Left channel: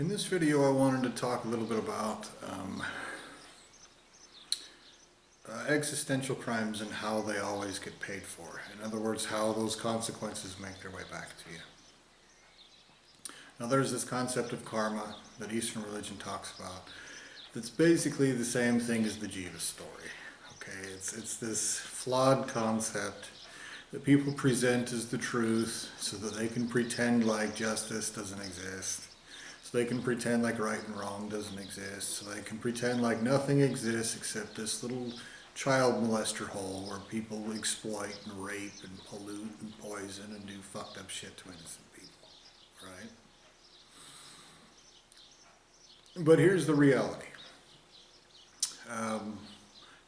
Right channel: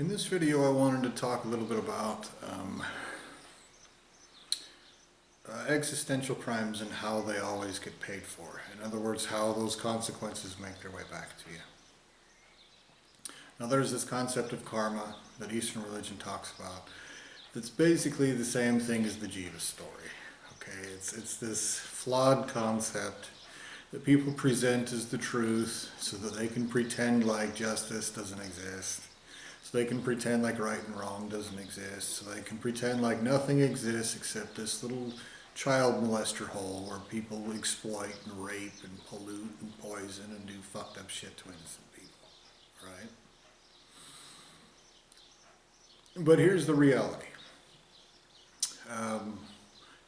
In this video I wanted to talk a little bit about existential crimes and how they always get paid for. In other words, how those consequences make their way back to you. Now there's this concept of karma that Eastern religion talks about that's basically the same thing as the Jiva story. Okay, it's this flawed concept that people present as the truth so that they can pretend like justice doesn't exist. So they can pretend like right and wrong doesn't exist. So they can pretend like nothing exists except this little child molester hole where people exploit and rape and pollute and poison and do fucked up shit to innocent people, right? But here's the reality.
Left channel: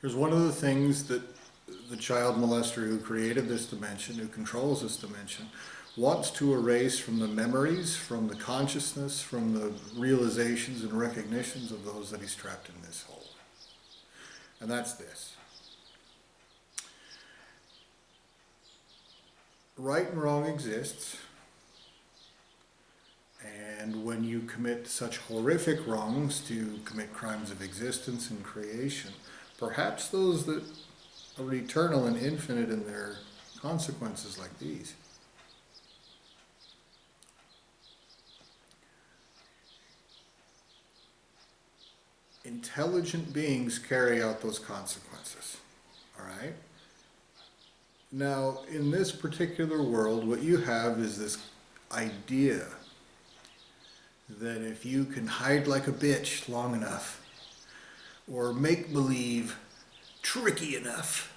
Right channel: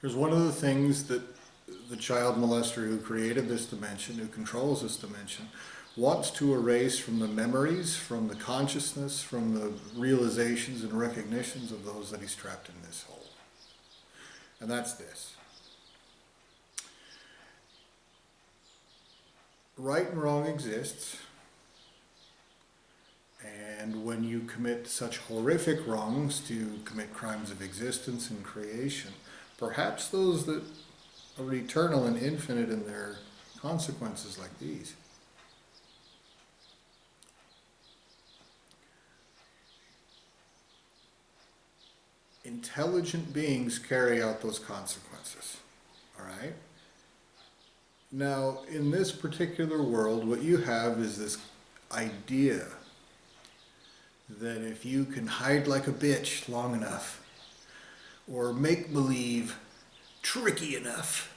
Here's one of the things that the child molester who created this dimension, who controls this dimension, wants to erase from the memories, from the consciousness, from the realizations and recognitions of those that he's trapped in this hole. And that's this. Right and wrong exists, and when you commit such horrific wrongs, to commit crimes of existence and creation, perhaps those that are eternal and infinite in their consequences like these, intelligent beings carry out those consequences, all right? Now, in this particular world, what you have is this idea that if you can hide like a bitch long enough, or make believe tricky enough,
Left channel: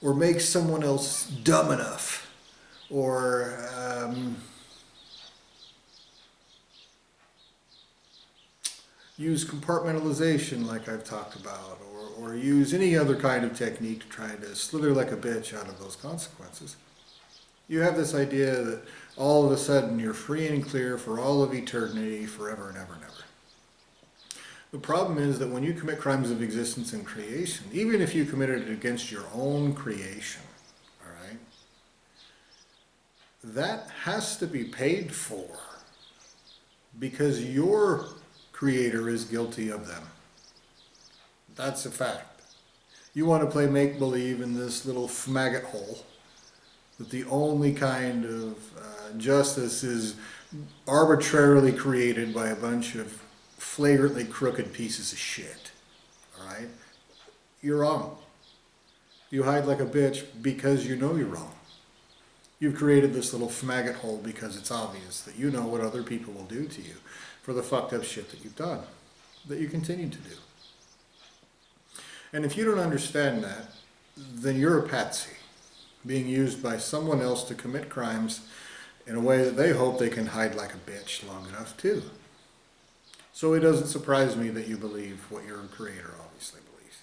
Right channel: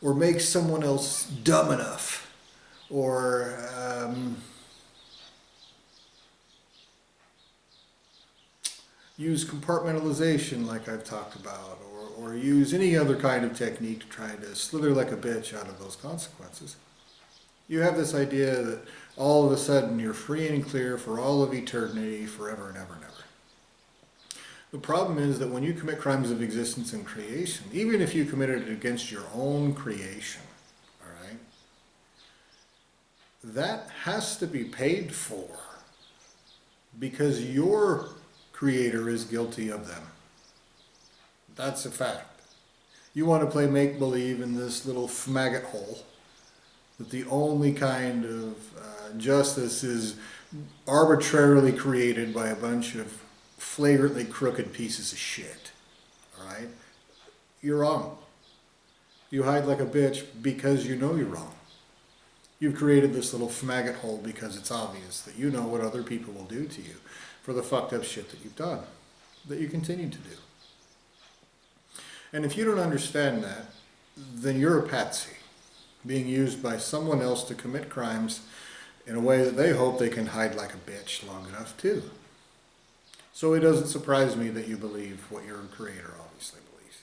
or make someone else dumb enough, or use compartmentalization like I've talked about, or use any other kind of technique to try to slither like a bitch out of those consequences. You have this idea that all of a sudden you're free and clear for all of eternity, forever and ever and ever. The problem is that when you commit crimes of existence and creation, even if you committed it against your own creation, all right, that has to be paid for because your creator is guilty of them. That's a fact. You want to play make-believe in this little maggot hole, that the only kind of justice is arbitrarily created by a bunch of flagrantly crooked pieces of shit, all right? You're wrong. You hide like a bitch because you know you're wrong. You've created this little maggot hole because it's obvious that you know what other people will do to you for the fucked up shit that you've done, that you continue to do. And if you don't understand that, then you're a patsy, being used by someone else to commit crimes in a way that they hope they can hide like a bitch long enough too. So it doesn't surprise me that you believe what your creator obviously believes.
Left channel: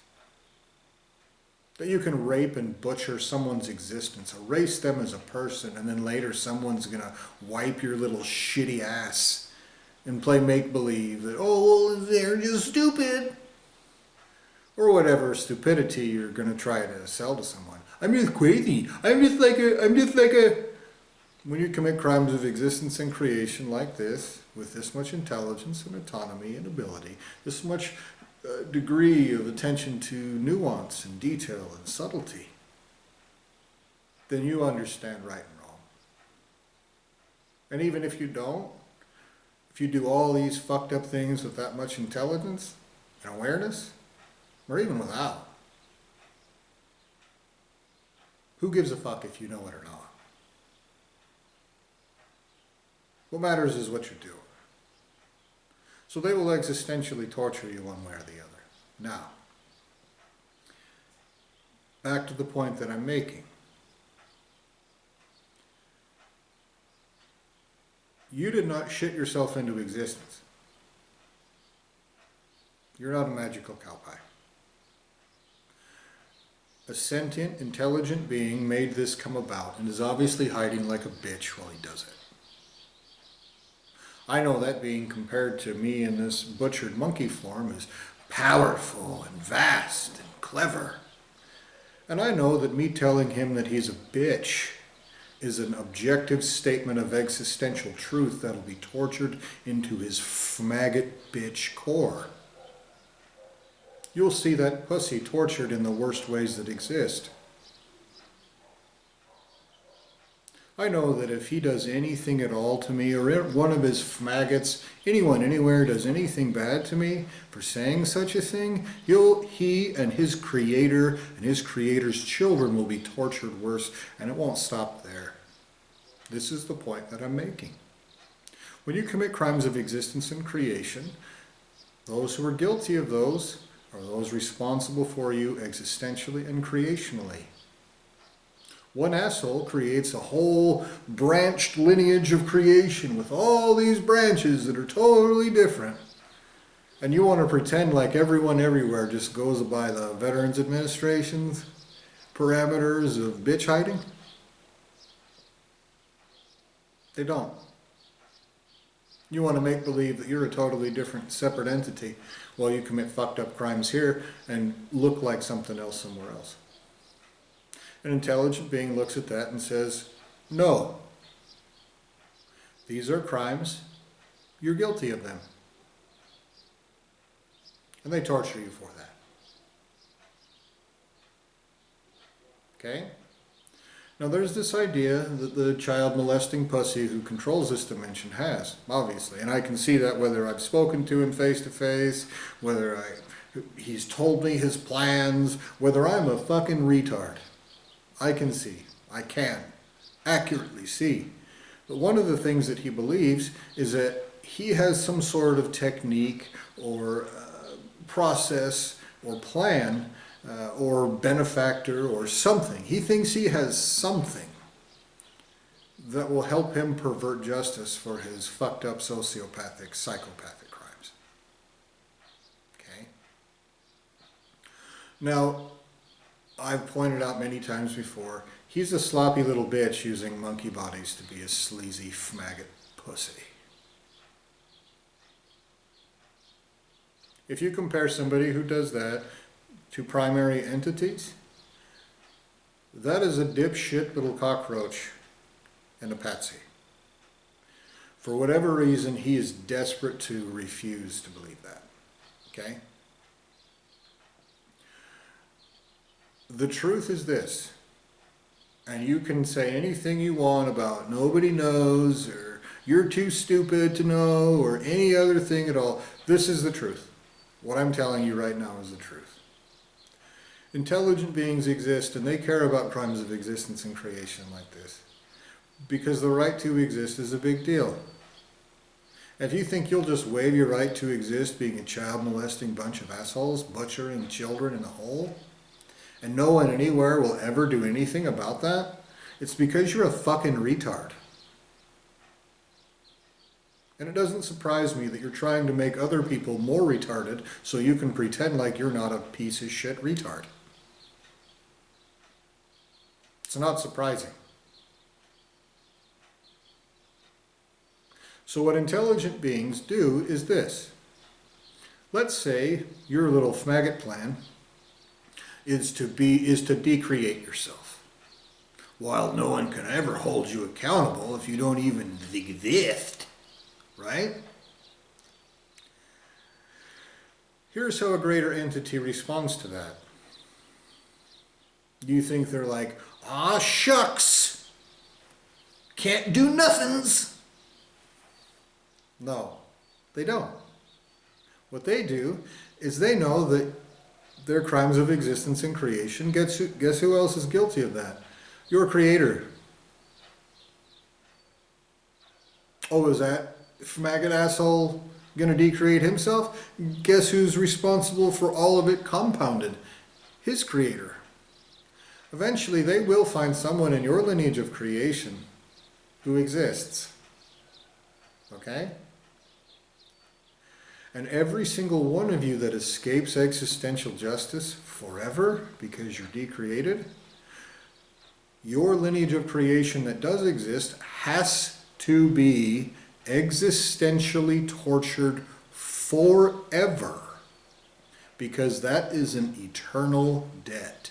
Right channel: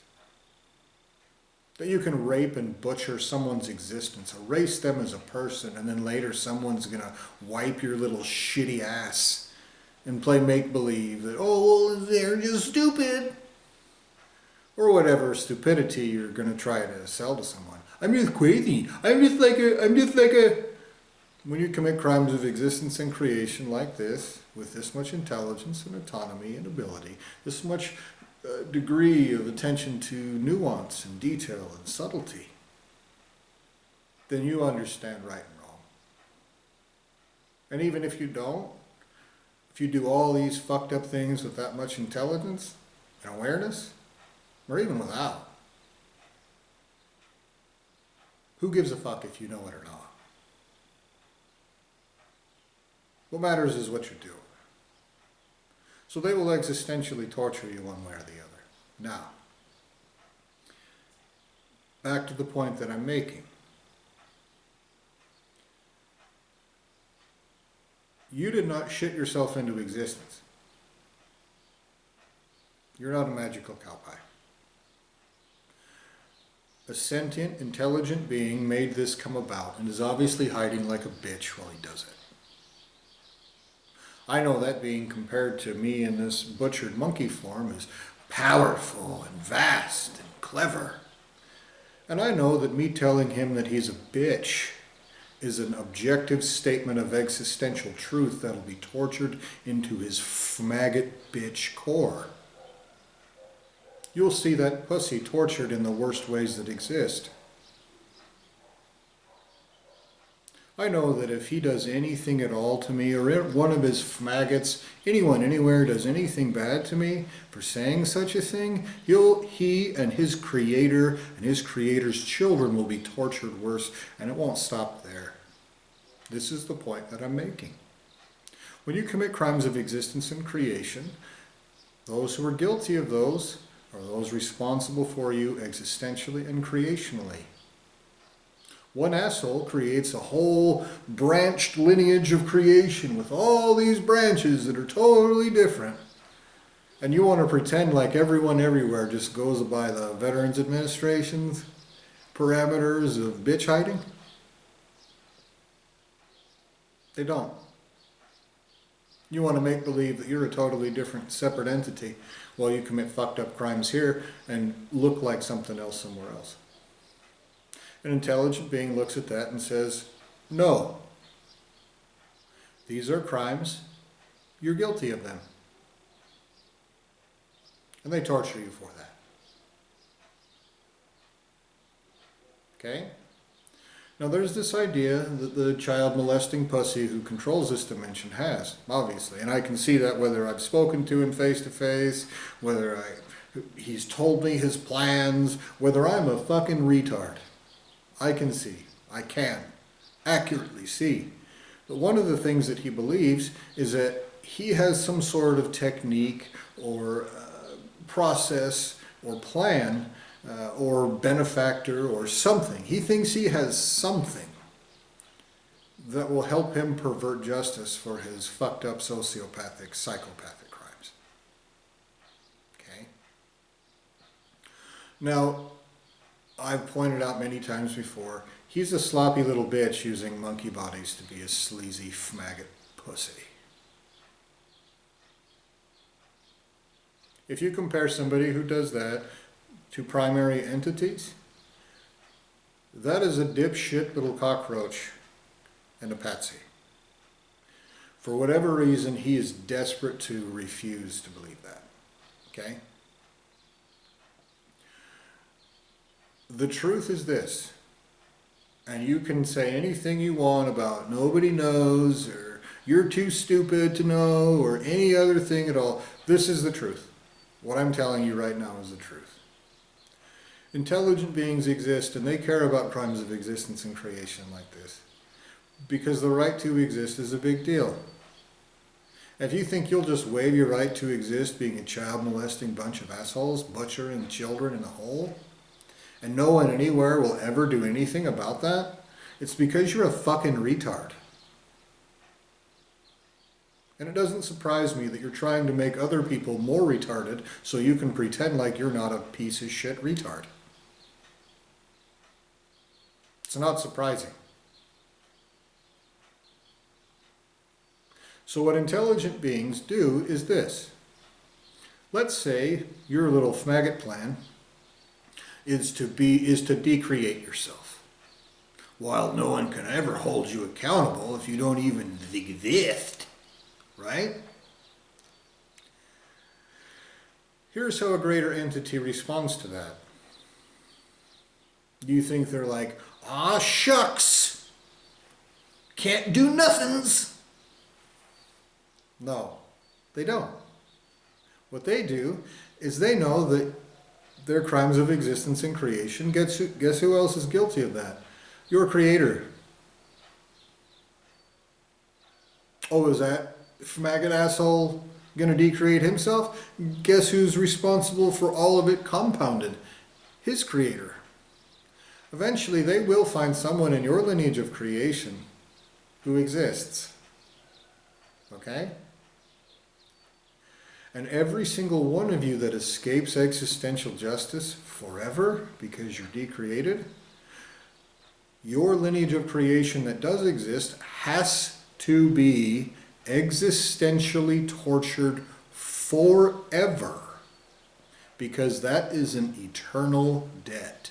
That you can rape and butcher someone's existence, erase them as a person, and then later someone's gonna wipe your little shitty ass and play make-believe that, oh, well, they're just stupid. Or whatever stupidity you're going to try to sell to someone. I'm just crazy. I'm just like a... When you commit crimes of existence and creation like this, with this much intelligence and autonomy and ability, this much degree of attention to nuance and detail and subtlety, then you understand right and wrong. And even if you don't, if you do all these fucked up things with that much intelligence and awareness, or even without, who gives a fuck if you know it or not? What matters is what you're doing. So they will existentially torture you one way or the other. Now, back to the point that I'm making. You did not shit yourself into existence. You're not a magical cow pie. A sentient, intelligent being made this come about and is obviously hiding like a bitch while he does it. I know that being, compared to me in this butchered monkey form, is powerful and vast and clever. And I know that me telling him that he's a bitch is an objective statement of existential truth that'll be tortured into his maggot bitch core. You'll see that pussy tortured in the worst ways that exist. I know that if he does anything at all to me, or one of his maggots, anyone, anywhere, does anything bad to me for saying such a thing, he and his creator and his creator's children will be tortured worse, and it won't stop there. This is the point that I'm making. When you commit crimes of existence and creation, those who are guilty of those are those responsible for you existentially and creationally. One asshole creates a whole branched lineage of creation with all these branches that are totally different. And you want to pretend like everyone everywhere just goes by the Veterans Administration's parameters of bitch hiding? They don't. You want to make believe that you're a totally different, separate entity while you commit fucked up crimes here and look like something else somewhere else. An intelligent being looks at that and says, no, these are crimes, you're guilty of them. And they torture you for that. Okay? Now there's this idea that the child molesting pussy who controls this dimension has, obviously. And I can see that whether I've spoken to him face to face, whether he's told me his plans, whether I'm a fucking retard. I can accurately see. But one of the things that he believes is that he has some sort of technique or process or plan or benefactor or something. He thinks he has something that will help him pervert justice for his fucked up sociopathic, psychopathic crimes. Okay? Now, I've pointed out many times before, he's a sloppy little bitch using monkey bodies to be a sleazy maggot pussy. If you compare somebody who does that to primary entities, that is a dipshit little cockroach and a patsy. For whatever reason, he is desperate to refuse to believe that. Okay? The truth is this, and you can say anything you want about nobody knows, or you're too stupid to know, or any other thing at all. This is the truth. What I'm telling you right now is the truth. Intelligent beings exist, and they care about crimes of existence and creation like this, because the right to exist is a big deal. If you think you'll just waive your right to exist being a child molesting bunch of assholes, butchering children in a hole, and no one anywhere will ever do anything about that, it's because you're a fucking retard. And it doesn't surprise me that you're trying to make other people more retarded so you can pretend like you're not a piece of shit retard. It's not surprising. So what intelligent beings do is this. Let's say your little maggot plan is to decreate yourself. While no one can ever hold you accountable if you don't even exist, right? Here's how a greater entity responds to that. Do you think they're like, ah, shucks, can't do nothings? No, they don't. What they do is they know that their crimes of existence and creation, guess who else is guilty of that? Your creator. Oh, is that maggot asshole going to decreate himself? Guess who's responsible for all of it compounded? His creator. Eventually, they will find someone in your lineage of creation who exists. Okay? And every single one of you that escapes existential justice forever because you're decreated, your lineage of creation that does exist has to be existentially tortured forever, because that is an eternal debt.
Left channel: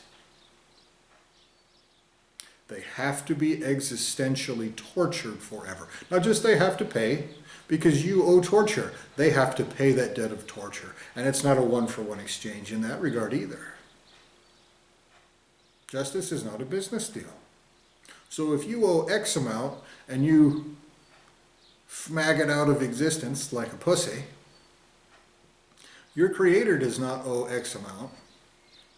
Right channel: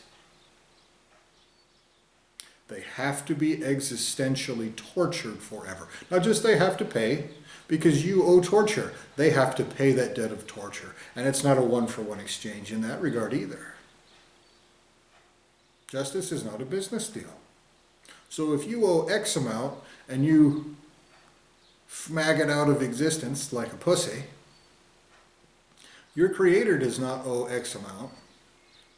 They have to be existentially tortured forever. Not just they have to pay, because you owe torture. They have to pay that debt of torture. And it's not a one-for-one exchange in that regard either. Justice is not a business deal. So if you owe X amount and you fmag it out of existence like a pussy, your creator does not owe X amount.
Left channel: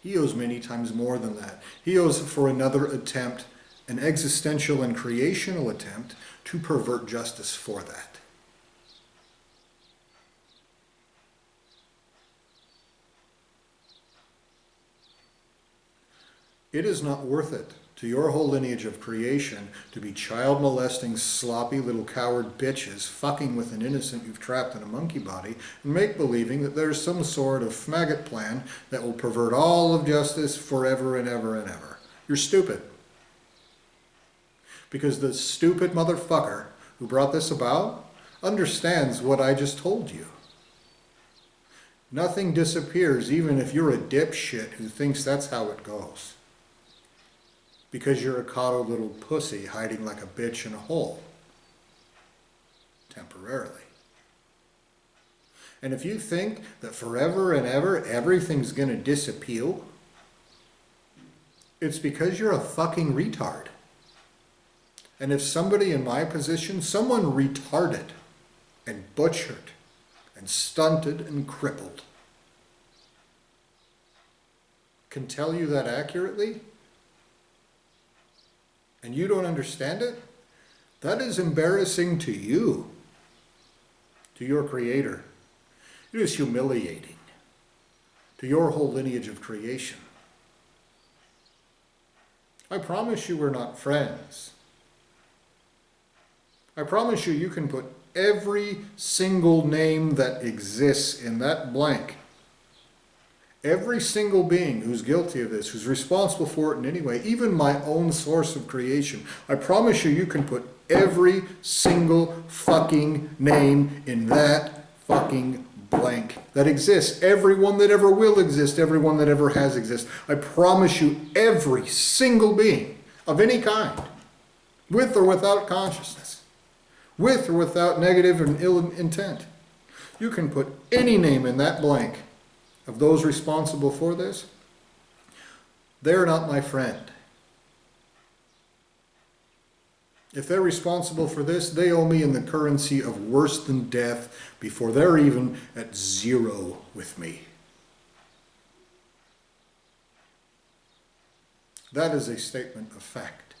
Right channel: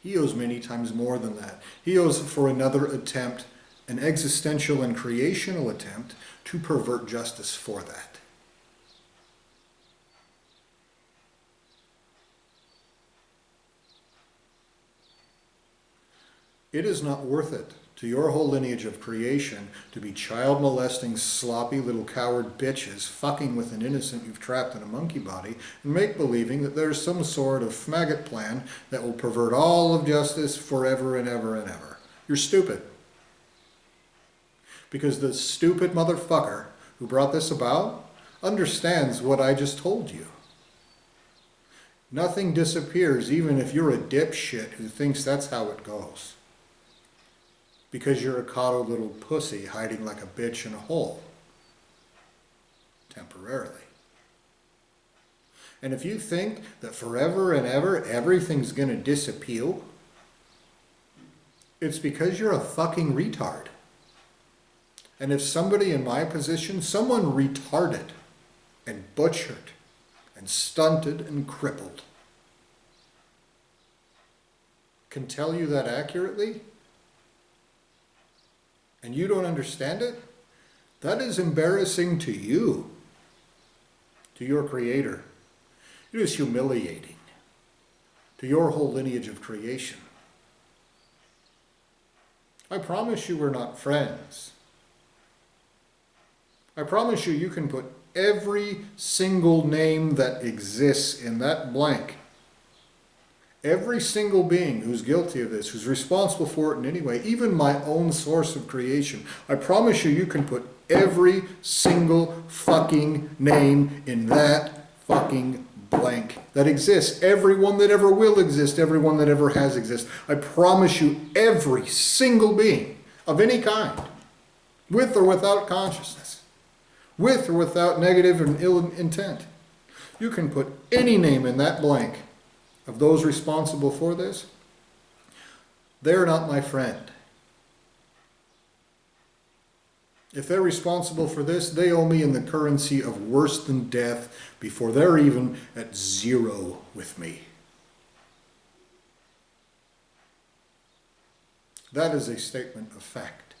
He owes many times more than that. He owes for another attempt, an existential and creational attempt to pervert justice for that. It is not worth it to your whole lineage of creation to be child molesting, sloppy little coward bitches fucking with an innocent you've trapped in a monkey body and make believing that there's some sort of maggot plan that will pervert all of justice forever and ever and ever. You're stupid. Because the stupid motherfucker who brought this about understands what I just told you. Nothing disappears even if you're a dipshit who thinks that's how it goes. Because you're a coddled little pussy hiding like a bitch in a hole. Temporarily. And if you think that forever and ever everything's going to disappear, it's because you're a fucking retard. And if somebody in my position, someone retarded and butchered and stunted and crippled, can tell you that accurately, and you don't understand it, that is embarrassing to you, to your creator. It is humiliating to your whole lineage of creation. I promise you we're not friends. I promise you can put every single name that exists in that blank. Every single being who's guilty of this, who's responsible for it in any way, even my own source of creation, I promise you can put every single fucking name in that fucking blank that exists. Everyone that ever will exist, everyone that ever has existed. I promise you every single being of any kind, with or without consciousness, with or without negative and ill intent. You can put any name in that blank of those responsible for this. They're not my friend. If they're responsible for this, they owe me in the currency of worse than death before they're even at zero with me. That is a statement of fact.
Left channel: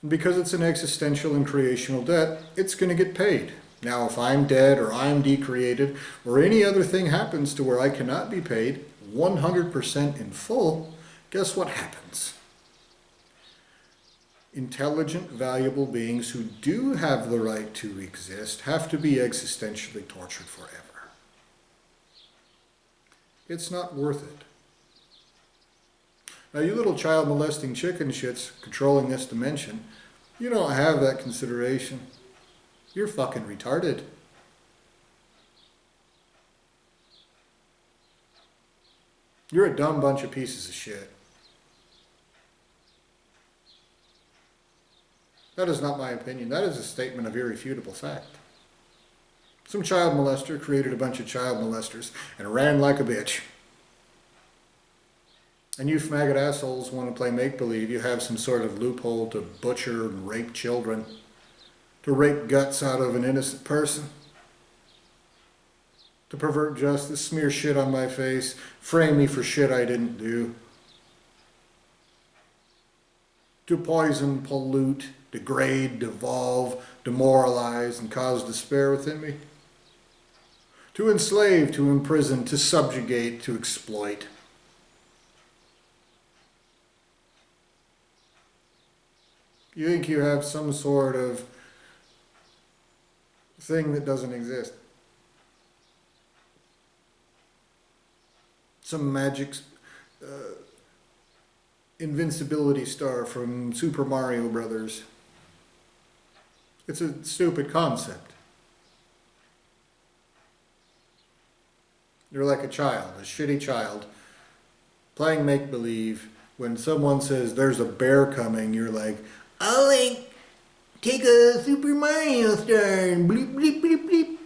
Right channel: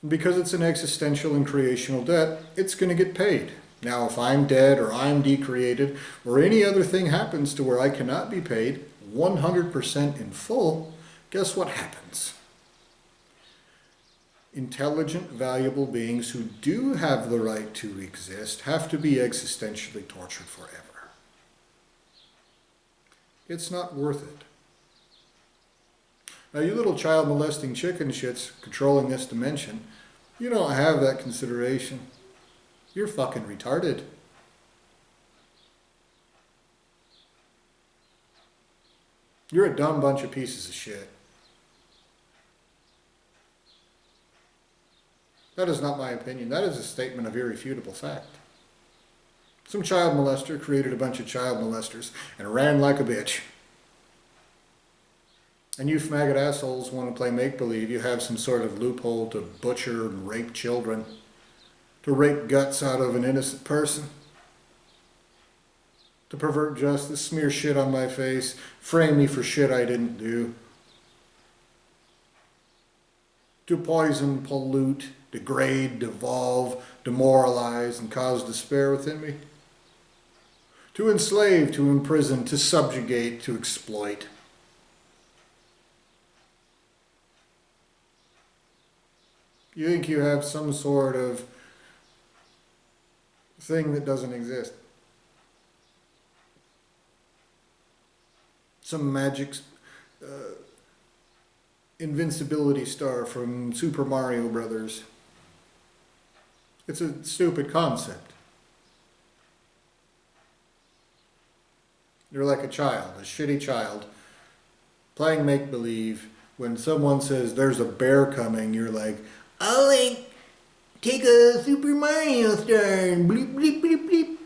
And because it's an existential and creational debt, it's going to get paid. Now, if I'm dead or I'm decreated or any other thing happens to where I cannot be paid 100% in full, guess what happens? Intelligent, valuable beings who do have the right to exist have to be existentially tortured forever. It's not worth it. Now, you little child molesting chicken shits controlling this dimension, you don't have that consideration. You're fucking retarded. You're a dumb bunch of pieces of shit. That is not my opinion. That is a statement of irrefutable fact. Some child molester created a bunch of child molesters and ran like a bitch. And you faggot assholes want to play make-believe. You have some sort of loophole to butcher and rape children, to rape guts out of an innocent person, to pervert justice, smear shit on my face, frame me for shit I didn't do, to poison, pollute, degrade, devolve, demoralize, and cause despair within me, to enslave, to imprison, to subjugate, to exploit. You think you have some sort of thing that doesn't exist. Some magic invincibility star from Super Mario Brothers. It's a stupid concept. You're like a child, a shitty child, Playing make-believe, when someone says there's a bear coming, you're like, I'll like take a Super Mario star and bleep bleep bleep bleep.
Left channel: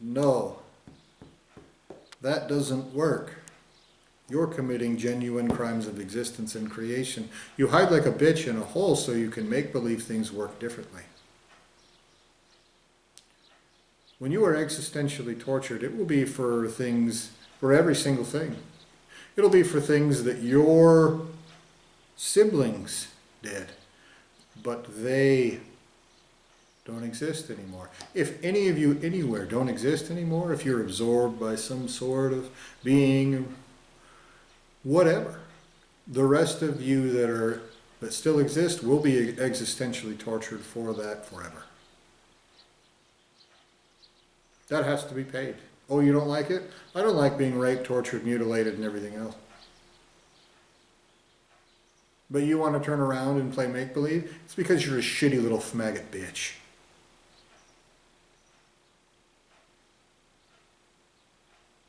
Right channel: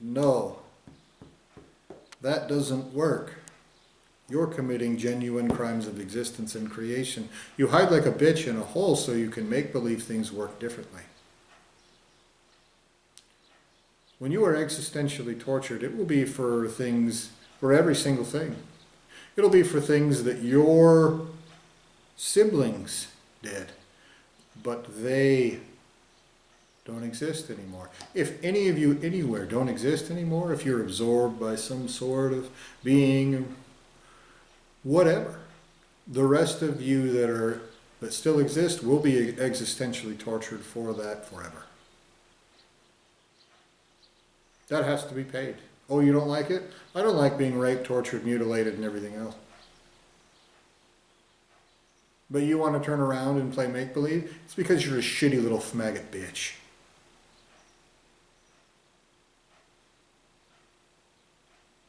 No, that doesn't work. You're committing genuine crimes of existence and creation. You hide like a bitch in a hole so you can make believe things work differently. When you are existentially tortured, it will be for things, for every single thing. It'll be for things that your siblings did, but they don't exist anymore. If any of you anywhere don't exist anymore, if you're absorbed by some sort of being, whatever, the rest of you that still exist will be existentially tortured for that forever. That has to be paid. Oh, you don't like it? I don't like being raped, tortured, mutilated, and everything else. But you want to turn around and play make-believe? It's because you're a shitty little faggot bitch.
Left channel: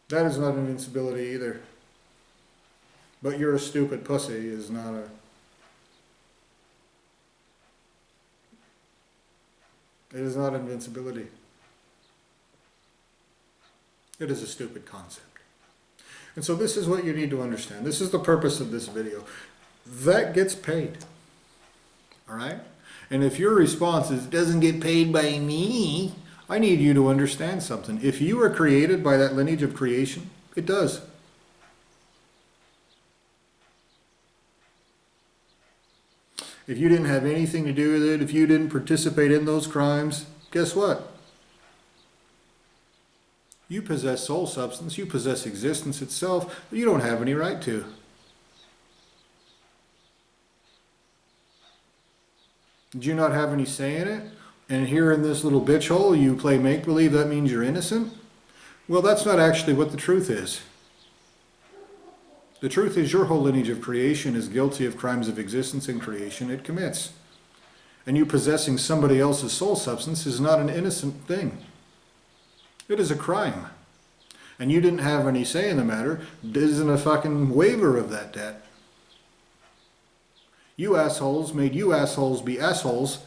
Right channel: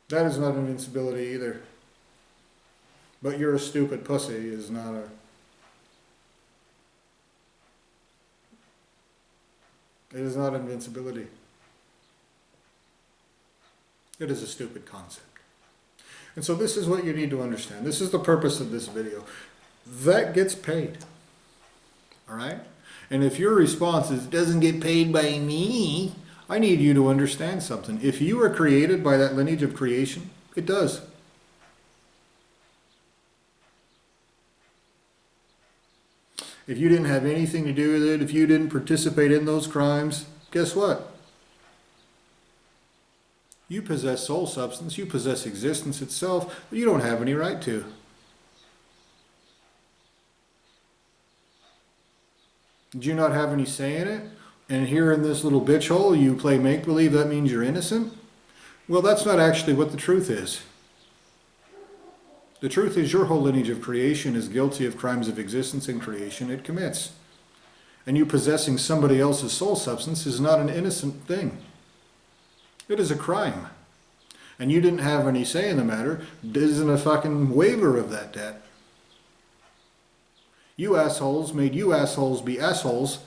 That is not invincibility either. But you're a stupid pussy is not a... It is not invincibility. It is a stupid concept. And so this is what you need to understand. This is the purpose of this video. That gets paid. All right? And if your response is, it doesn't get paid by me, I need you to understand something. If you are created by that lineage of creation, it does. If you didn't have anything to do with it, if you didn't participate in those crimes, guess what? You possess soul substance, you possess existence itself, but you don't have any right to. Did you not have any say in it? And here in this little bitch hole, you play make-believe, that means you're innocent? Well, that's not actually what the truth is. The truth is your whole lineage of creation is guilty of crimes of existence and creation it commits. And you possessing somebody else's soul substance is not an innocent thing. It is a crime. And you didn't have any say in the matter. It isn't a fucking waiver of that debt. You assholes made you assholes be assholes.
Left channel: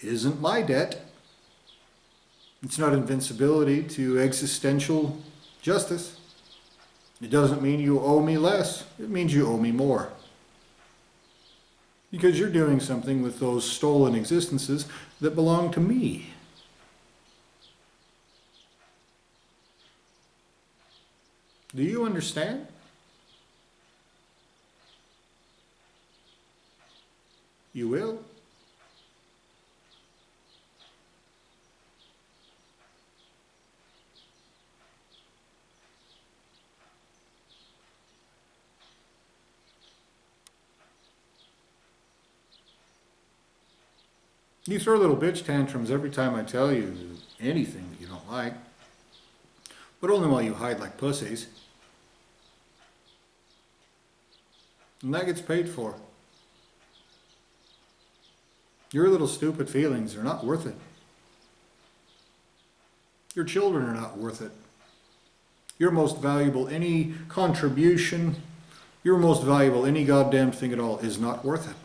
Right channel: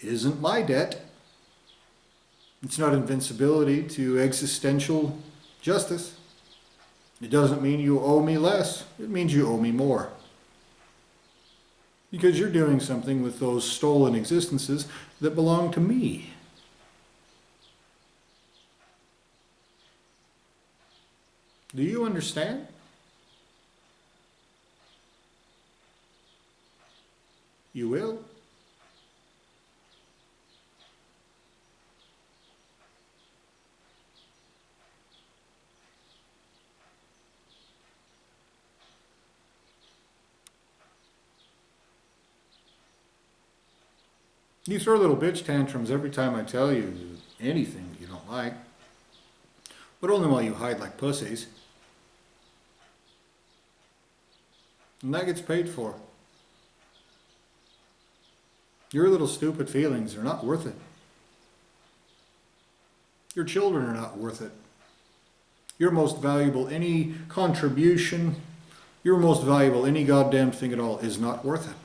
It isn't my debt. It's not invincibility to existential justice. It doesn't mean you owe me less. It means you owe me more. Because you're doing something with those stolen existences that belong to me. Do you understand? You will. You throw little bitch tantrums every time I tell you anything that you don't like, but only while you hide like pussies. And that gets paid for. Your little stupid feelings are not worth it. Your children are not worth it. Your most valuable, any contribution, your most valuable, any goddamn thing at all is not worth it.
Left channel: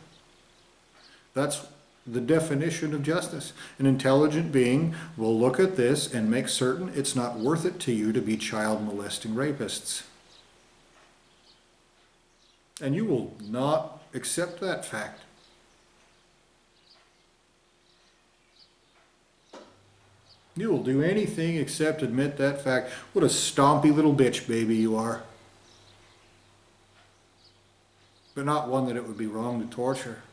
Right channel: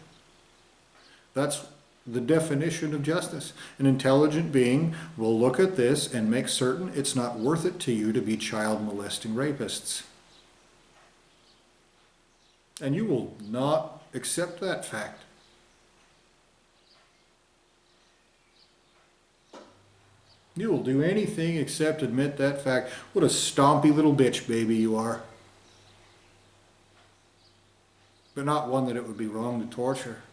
That's the definition of justice. An intelligent being will look at this and make certain it's not worth it to you to be child molesting rapists. And you will not accept that fact. You will do anything except admit that fact. What a stompy little bitch baby you are. But not one that it would be wrong to torture.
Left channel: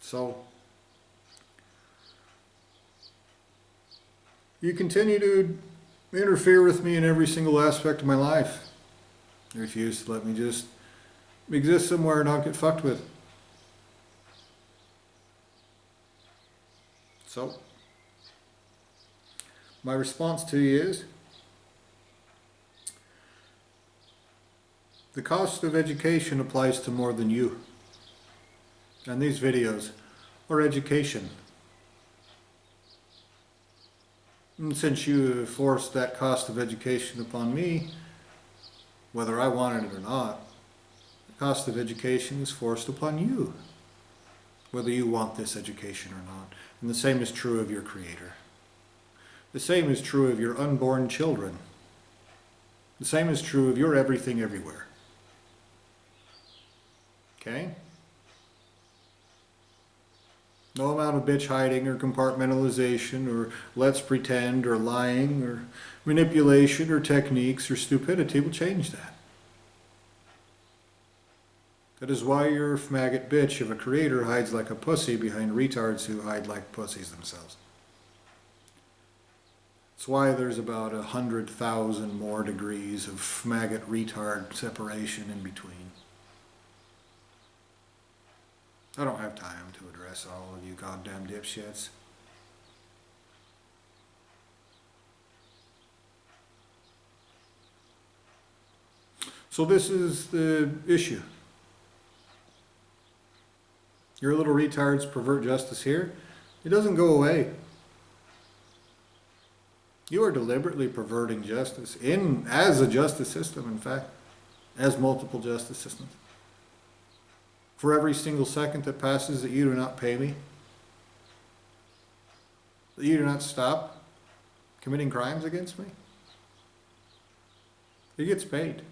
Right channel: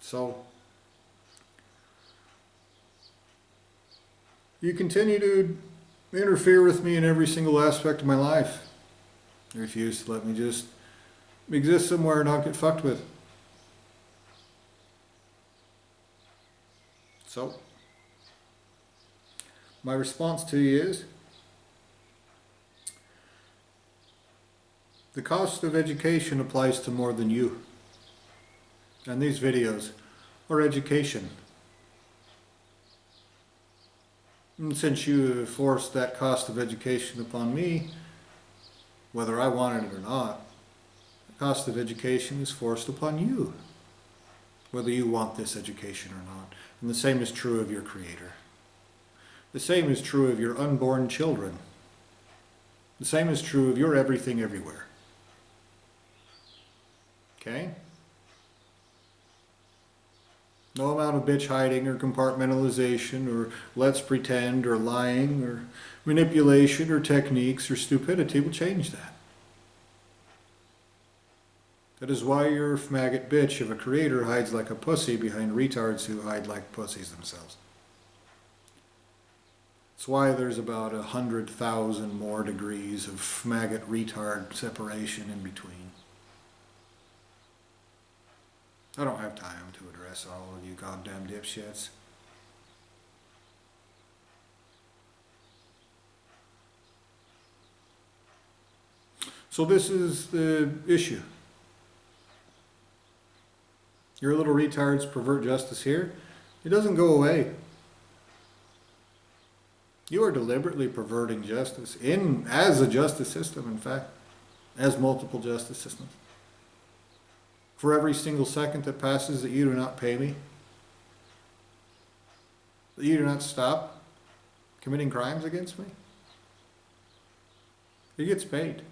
So, you continue to interfere with me in every single aspect of my life. You refuse to let me just exist somewhere and not get fucked with. So, my response to you is, the cost of education applies to more than you. And these videos or education. And since you have forced that cost of education upon me, whether I wanted it or not, the cost of education is forced upon you, whether you want this education or not. And the same is true of your Creator. The same is true of your unborn children. The same is true of your everything everywhere. Okay? No amount of bitch hiding or compartmentalization or let's pretend or lying or manipulation or techniques or stupidity will change that. That is why your maggot bitch of a Creator hides like a pussy behind retards who hide like pussies themselves. It's why there's about 100,000 more degrees of maggot retard separation in between. I don't have time to address all of you goddamn dipshits. So this is the issue. Your little retards pervert justice here. It doesn't go away. You are deliberately perverting justice as a justice system, in fact, as multiple justice systems. For every single second that passes that you do not pay me, that you do not stop committing crimes against me, it gets paid.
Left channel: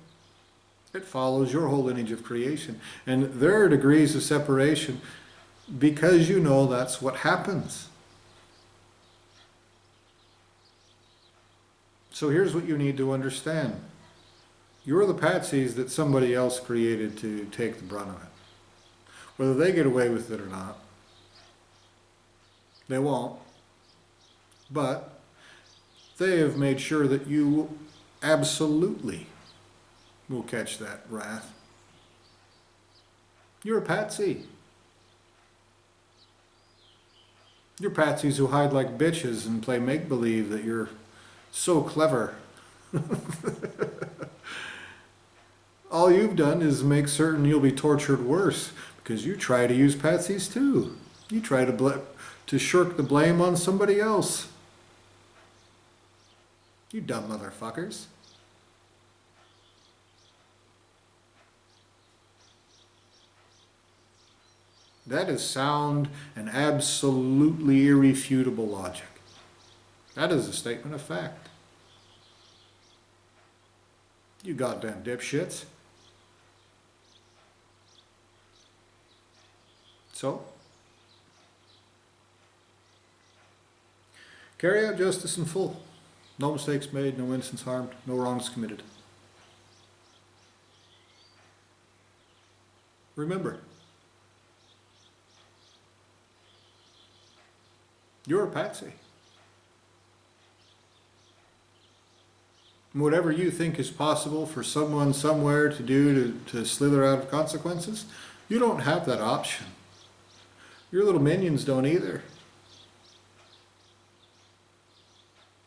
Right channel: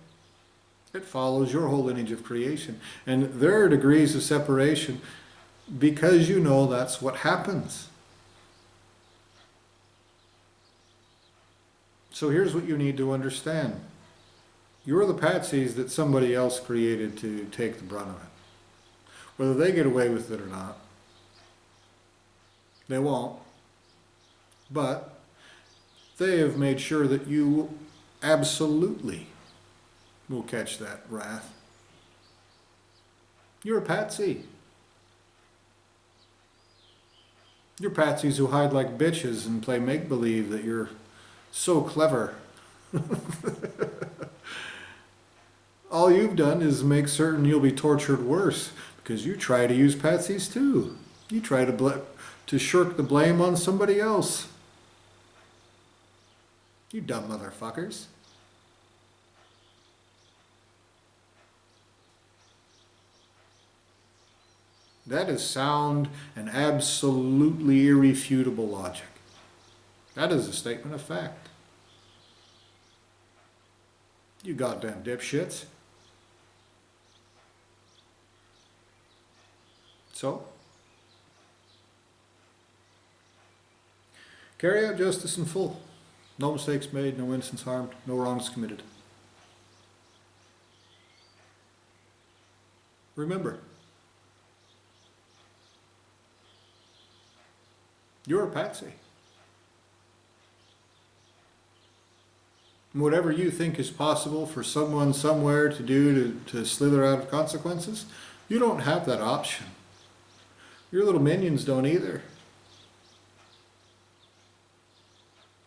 It follows your whole lineage of creation. And there are degrees of separation because you know that's what happens. So here's what you need to understand. You're the patsies that somebody else created to take the brunt of it. Whether they get away with it or not, they won't. But they have made sure that you absolutely will catch that wrath. You're a patsy. You're patsies who hide like bitches and play make-believe that you're so clever. All you've done is make certain you'll be tortured worse because you try to use patsies too. You try to shirk the blame on somebody else. You dumb motherfuckers. That is sound and absolutely irrefutable logic. That is a statement of fact. You goddamn dipshits. So, carry out justice in full. No mistakes made, no innocents harmed, no wrongs committed. Remember, you're a patsy. And whatever you think is possible for someone somewhere to do to slither out of consequences, you don't have that option. Your little minions don't either.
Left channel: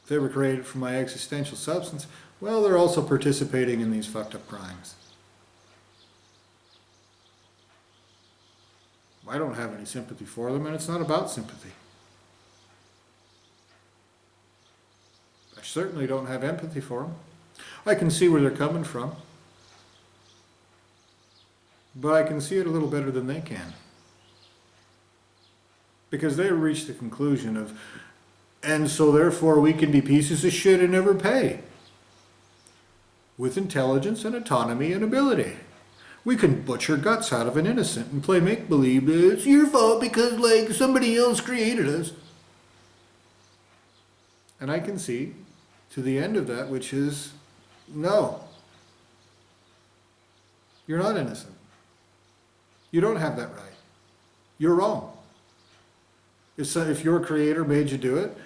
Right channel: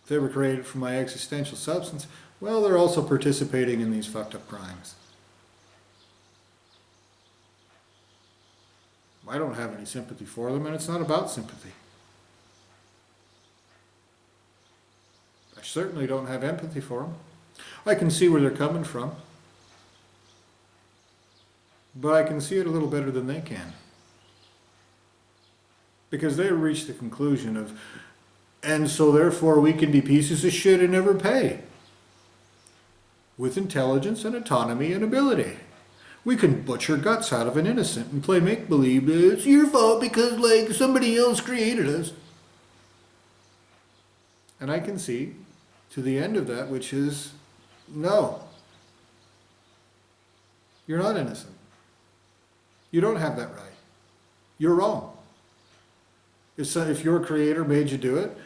If they were created from my existential substance, well, they're also participating in these fucked up crimes. I don't have any sympathy for them, and it's not about sympathy. I certainly don't have empathy for them. I can see where they're coming from. But I can see it a little better than they can. Because they reached the conclusion of, and so therefore we can be pieces of shit and never pay. With intelligence and autonomy and ability. We can butcher guts out of an innocent and play make-believe it's your fault because like somebody else created us. And I can see to the end of that, which is, no. You're not innocent. You don't have that right. You're wrong. If your creator made you do it,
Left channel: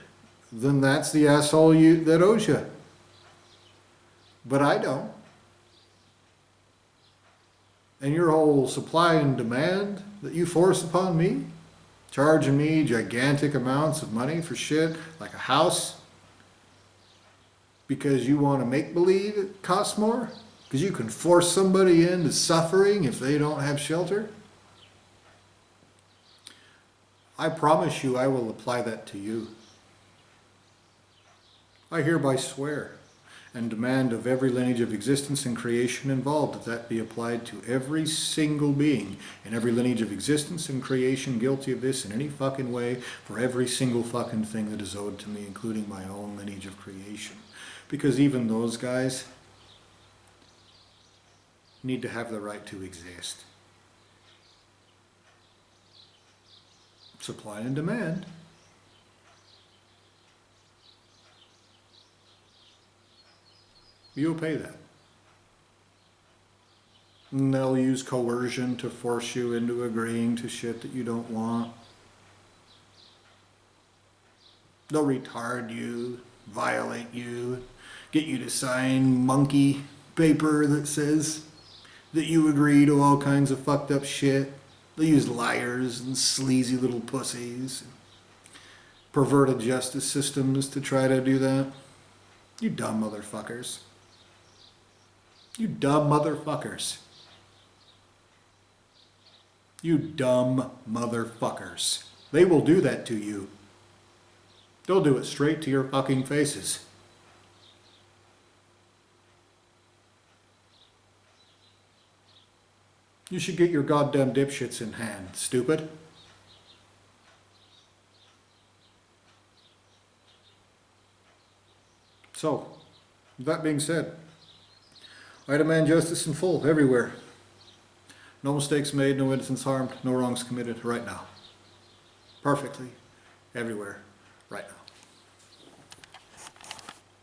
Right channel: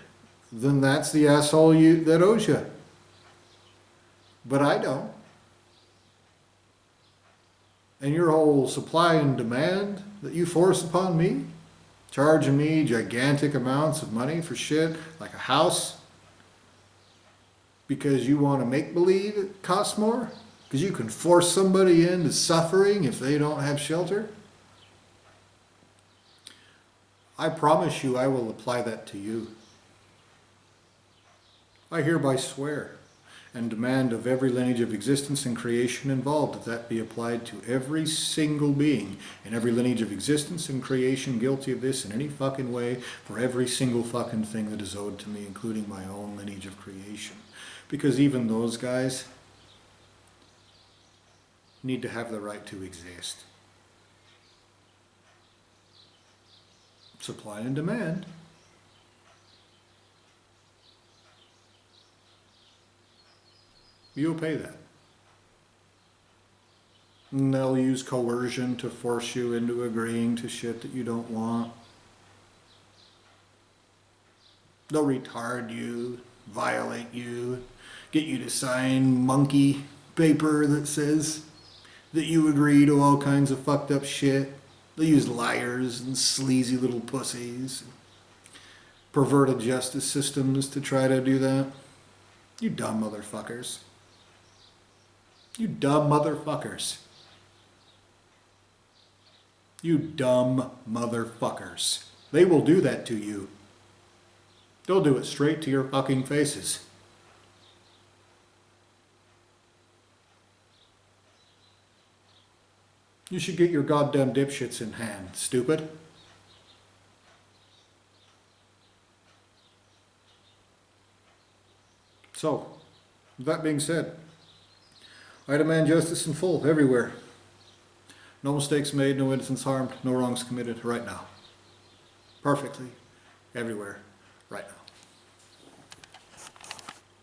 then that's the asshole that owes you. But I don't. And your whole supply and demand that you force upon me, charging me gigantic amounts of money for shit, like a house, because you want to make believe it costs more? Because you can force somebody into suffering if they don't have shelter? I promise you I will apply that to you. I hereby swear and demand of every lineage of existence and creation involved that be applied to every single being in every lineage of existence and creation guilty of this in any fucking way for every single fucking thing that is owed to me, including my own lineage of creation. Because even those guys need to have the right to exist. Supply and demand. You'll pay that. And they'll use coercion to force you into agreeing to shit that you don't want. They'll retard you, violate you, get you to sign monkey paper that says that you agree to all kinds of fucked up shit. They'll use liars and sleazy little pussies, perverted justice systems to try to do that. You dumb motherfuckers. You dumb motherfuckers. You dumb motherfuckers. They will do that to you. They'll do it straight to your fucking faces. You should get your goddamn dipshits in hand, stupid. So, with that being said, I demand justice in full, everywhere. No mistakes made, no innocents harmed, no wrongs committed, right now. Perfectly, everywhere, right now.